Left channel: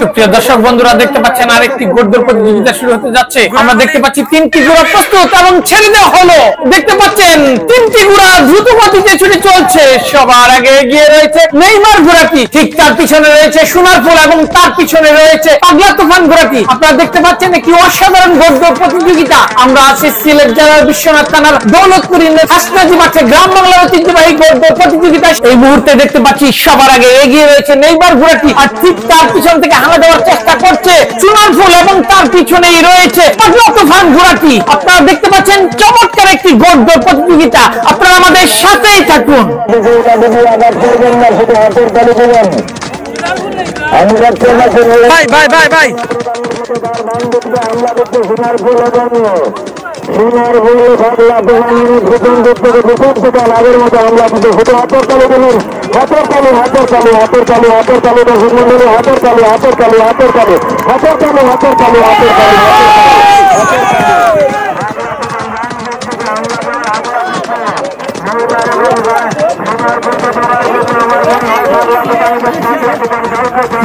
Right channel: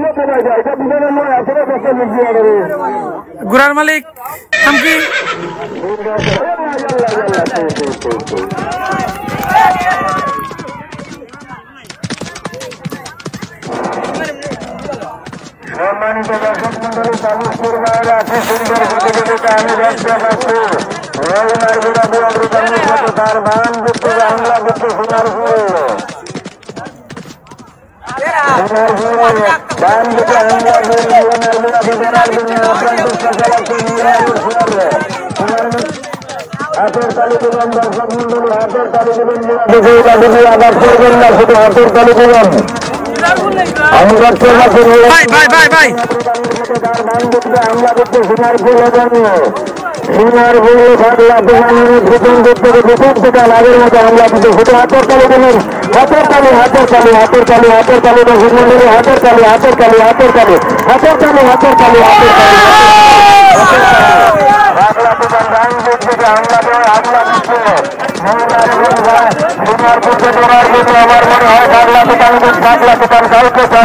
সুপ্রিয় দর্শক বন্ধুরা দেখতে পাচ্ছেন আরেকটি গোল্ডের প্রতিযোগিতা শুরু হতে যাচ্ছে। আমরা দেখতে পাচ্ছি তিনটি ঘোড়া প্রস্তুত এবং ছেড়ে দেওয়া হলো। দেখতে পাচ্ছেন তিনটি ঘোড়া দ্রুত গতিতে ছুটে চলছে। সবার আগে এগিয়ে রয়েছে নেইমার ঘোড়াটি, ঠিক তার পিছনে রয়েছে সোনার ফুল এবং তার পিছনে রয়েছে পাগলা তুফান ঘোড়াটি। আপনারা দেখতে পাচ্ছেন একটি অসাধারণ গোল্ডের প্রতিযোগিতা। আমরা আছি সিলেট জেলার বিশ্বনাথ থানার দৌলতপুর হাসনাজি মাঠে গ্রাম বাংলার ঐতিহ্যবাহী গোল্ডের প্রতিযোগিতা। এই মুহূর্তে দেখতে পাচ্ছি সবার আগে এগিয়ে রয়েছে নেইমার ঘোড়াটি, আর ঠিক তার পিছন থেকে হানা দেওয়ার চেষ্টা করছে সোনার ফুল এবং তার পিছনেই রয়েছে পাগলা তুফান ঘোড়াটি। আপনারা দেখতে পাচ্ছেন চমৎকার একটি গোল্ডের প্রতিযোগিতা। আপনারা আমাদের সাথেই থাকুন। ভাই ভাই ভাই ভাই সোনার ফুল পাগলা তুফানের প্রথম থেকে প্রথম থেকে লাভের মতো হামলা কিন্তু শুধু হাতের তালি দিলেন, হাতের তালি হাতের তালি হাতের তালি হাতের তালি দর্শক মন্ডলী, হাতের তালি হাতের তালি হাতের তালি হাতের তালি হাতের তালি হাতের তালি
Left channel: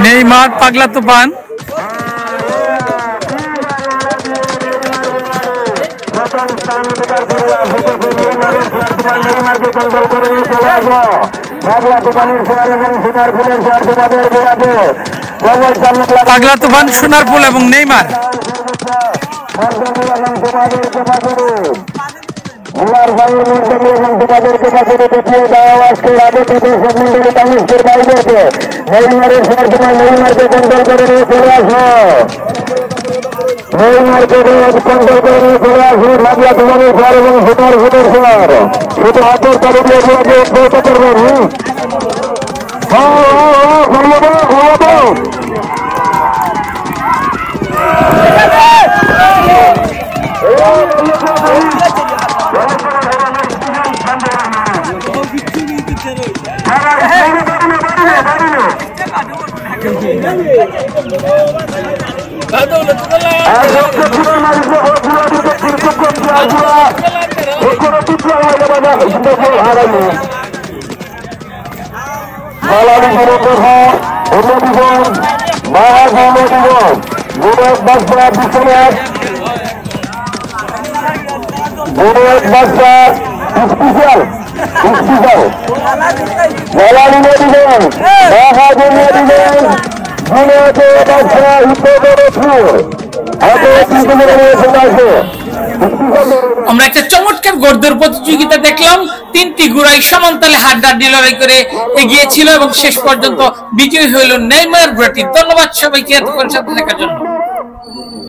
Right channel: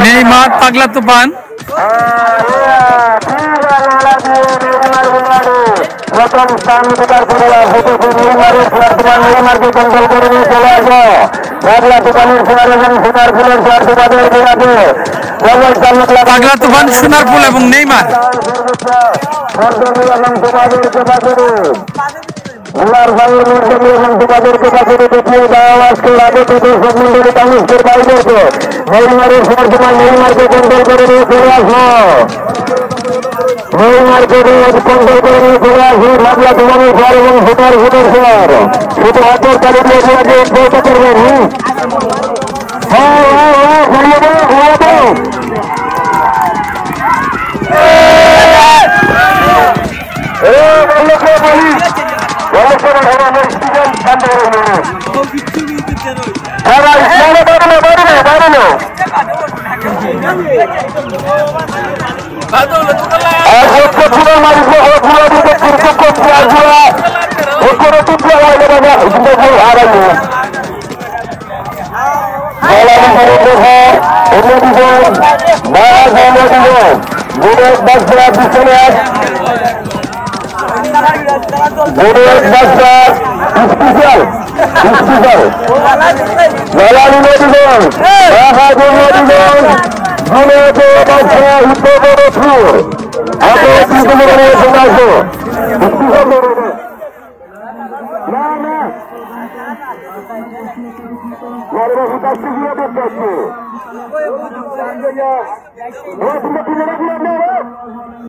নেইমার পাগলা তুফান প্রথম স্থান অধিকার করে পাগলা তুফান সোনার ফুল এবং নেইমার। তোমাদেরকে কাছে দেখিয়ে দেওয়া আজকের আগে থেকে সব মন্ডলী মানুষের বাইরেকে নেইমারের সময় নেইমারকে কন্ট্রোল করে নিয়ে চলে আসো, নেইমারকে কন্ট্রোল করে নিয়ে চলে আসো। পাগলা তুফানের স্যার এবং সোনার ফুলের স্যার শুধু হাতের তালি দিয়ে আপনাকে উদ্বুদ্ধ করবেন। আমরা একটা চমৎকার গোল্ডের প্রতিযোগিতা দেখলাম। তিনটি ঘোড়াই সমানতালে হাড্ডাহাড্ডি লড়াই করে এগিয়েছিল এবং শেষ পর্যন্ত বিজয়ী হইল নেইমার ঘোড়াটি। ধন্যবাদ সবাইকে এতক্ষণ সাথে থাকার জন্য।